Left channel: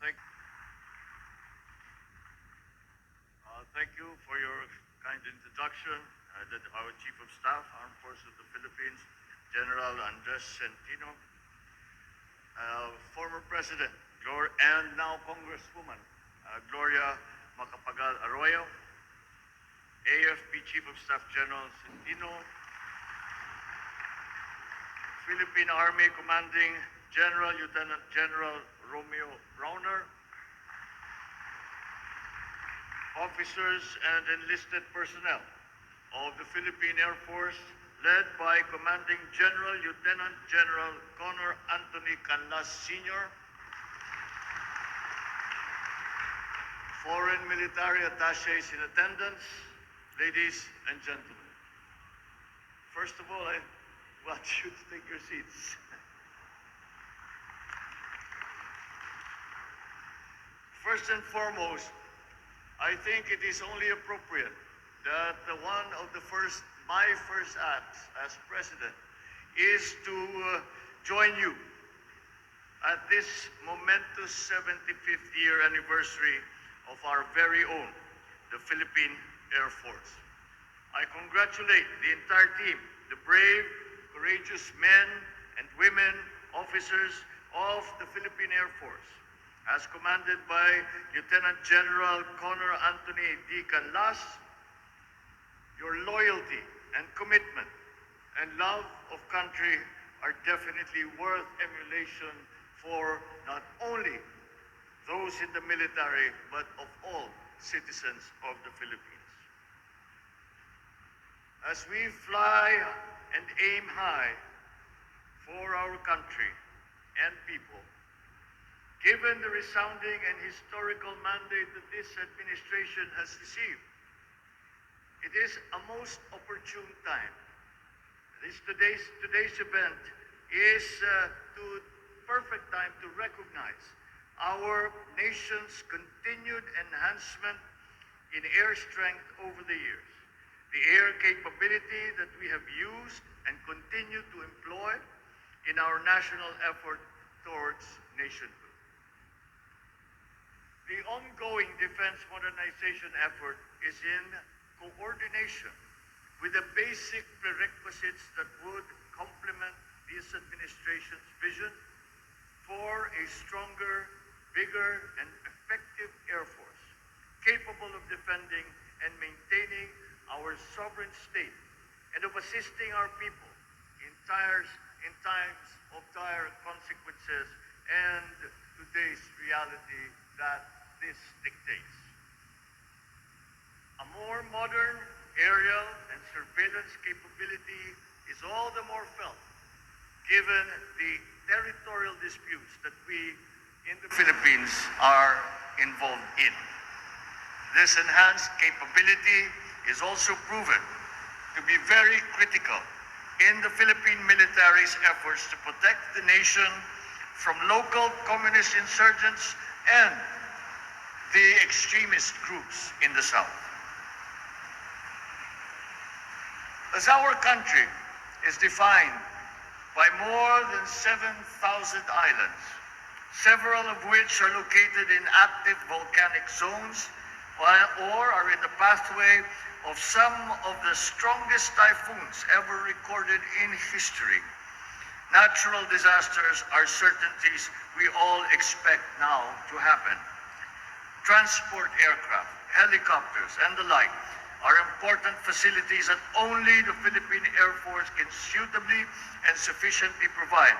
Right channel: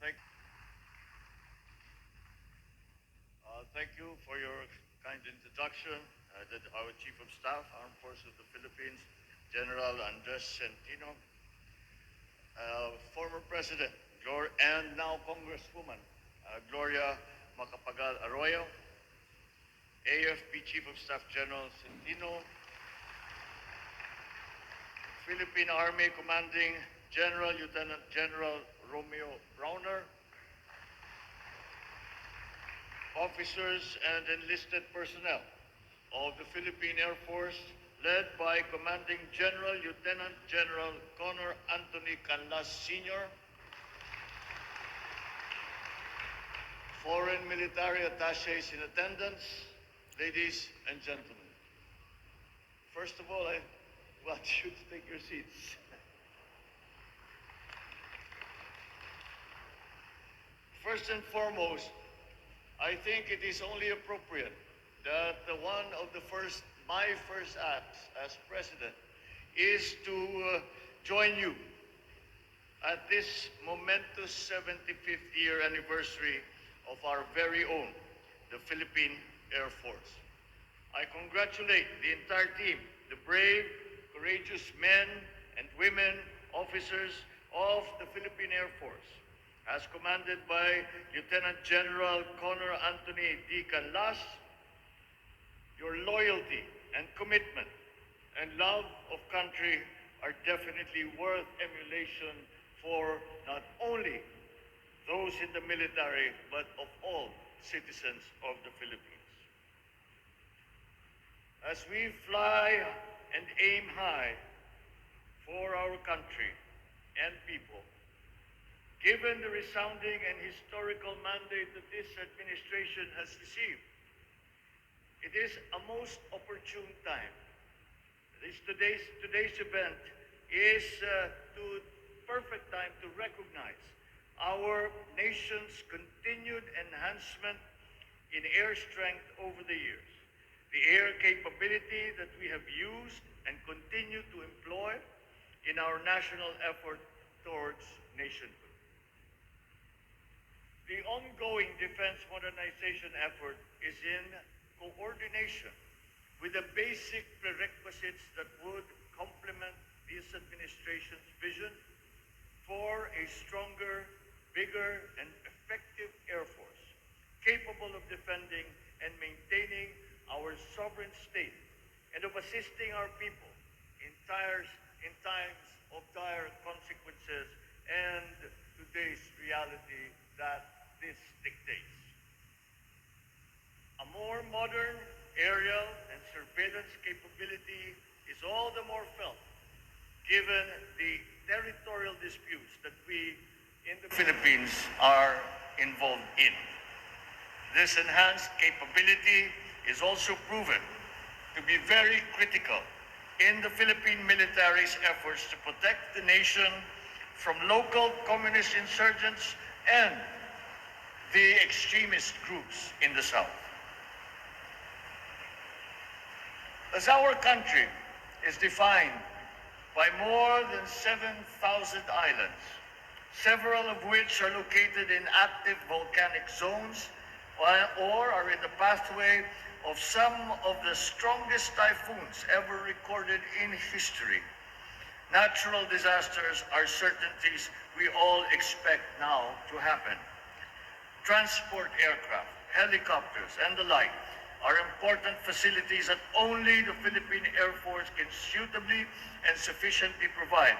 Thank you for your kind introduction. Our Chief of Staff, Armed Forces of the Philippines, General Andres Centino, former President and now Congresswoman Gloria Macapagal Arroyo, AFP Chief of Staff General Centino, Philippine Army Commanding General Lieutenant General Romeo Browner, officers and enlisted personnel of the Philippine Air Force, led by Commanding General Lieutenant General Connor Anthony Canlas Sr., foreign military attaches in attendance, ladies and gentlemen. First of all, I want you to take your seats. First and foremost, I think it is only appropriate that my first act as president is to join you at this momentous 75th year anniversary of our very own, the Philippine Air Force. I congratulate the entire team, the brave, courageous men and women, officers of the Philippine Air Force, as commanded by Lieutenant General Connor Anthony D. Canlas. Your loyalty and commitment and love of country are definitely worth emulation for not only those in the military, but of all citizens of the Philippines. As we fly and aim high for our country and people, given the resounding and historical mandate that this administration has received, it is a most opportune time. Today's event is the perfect time to recognize our nation's continued enhancement in air strength over the years, the air capability that we have used and continue to employ in our national effort towards nationhood. The ongoing defense modernization effort is in coordination with the basic prerequisites that would complement this administration's vision for a stronger, bigger, and effective Air Force, capable of defending and maintaining our sovereign state and of assisting our people in times of dire consequences and today's reality that this dictates. A more modern aerial and surveillance capability is all the more felt given the territorial disputes that we in the Philippines are involved in. This enhanced capability is also proven to be very critical in the Philippine military's efforts to protect the nation from local communist insurgents and the extremist groups in the South. As our country is defined by more than 7,000 islands, several of which are located in active volcanic zones or are in the pathway of some of the strongest typhoons ever recorded in history, natural disasters are certainties we all expect now to happen. Transport aircraft, helicopters, and the like are important facilities that only the Philippine Air Force can suitably and sufficiently provide,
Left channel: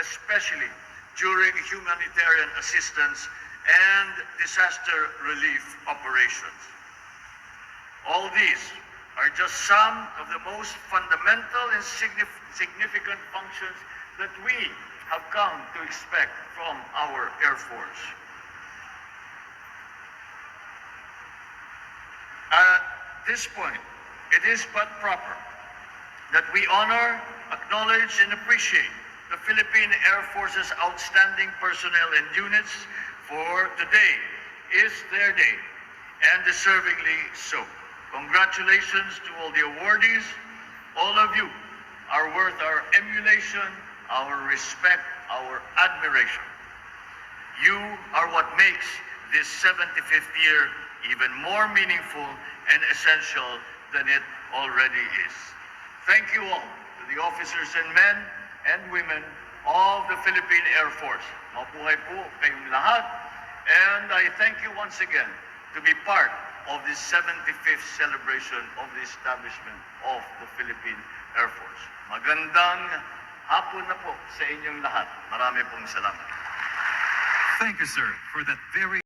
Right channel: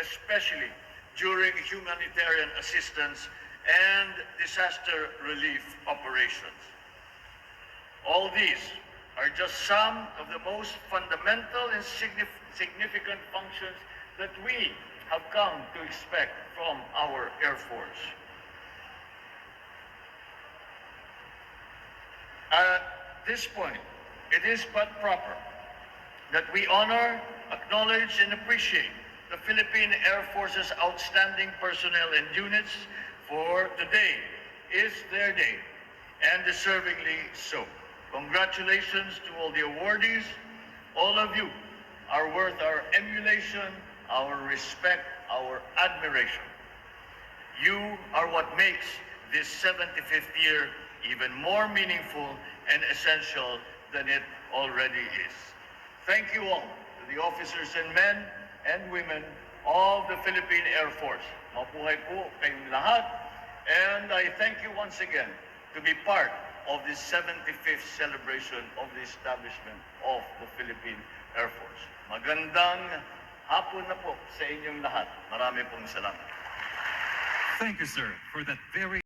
especially during humanitarian assistance and disaster relief operations. All these are just some of the most fundamental and significant functions that we have come to expect from our Air Force. At this point, it is but proper that we honor, acknowledge, and appreciate the Philippine Air Force's outstanding personnel and units, for today is their day, and deservingly so. Congratulations to all the awardees. All of you are worth our emulation, our respect, our admiration. You are what makes this 75th year even more meaningful and essential than it already is. Thank you all to the officers and men and women of the Philippine Air Force. Mabuhay po kayong lahat. And I thank you once again to be part of this 75th celebration of the establishment of the Philippine Air Force. Magandang hapon na po sa inyong lahat. Marami pong salamat. Thank you, sir, for that very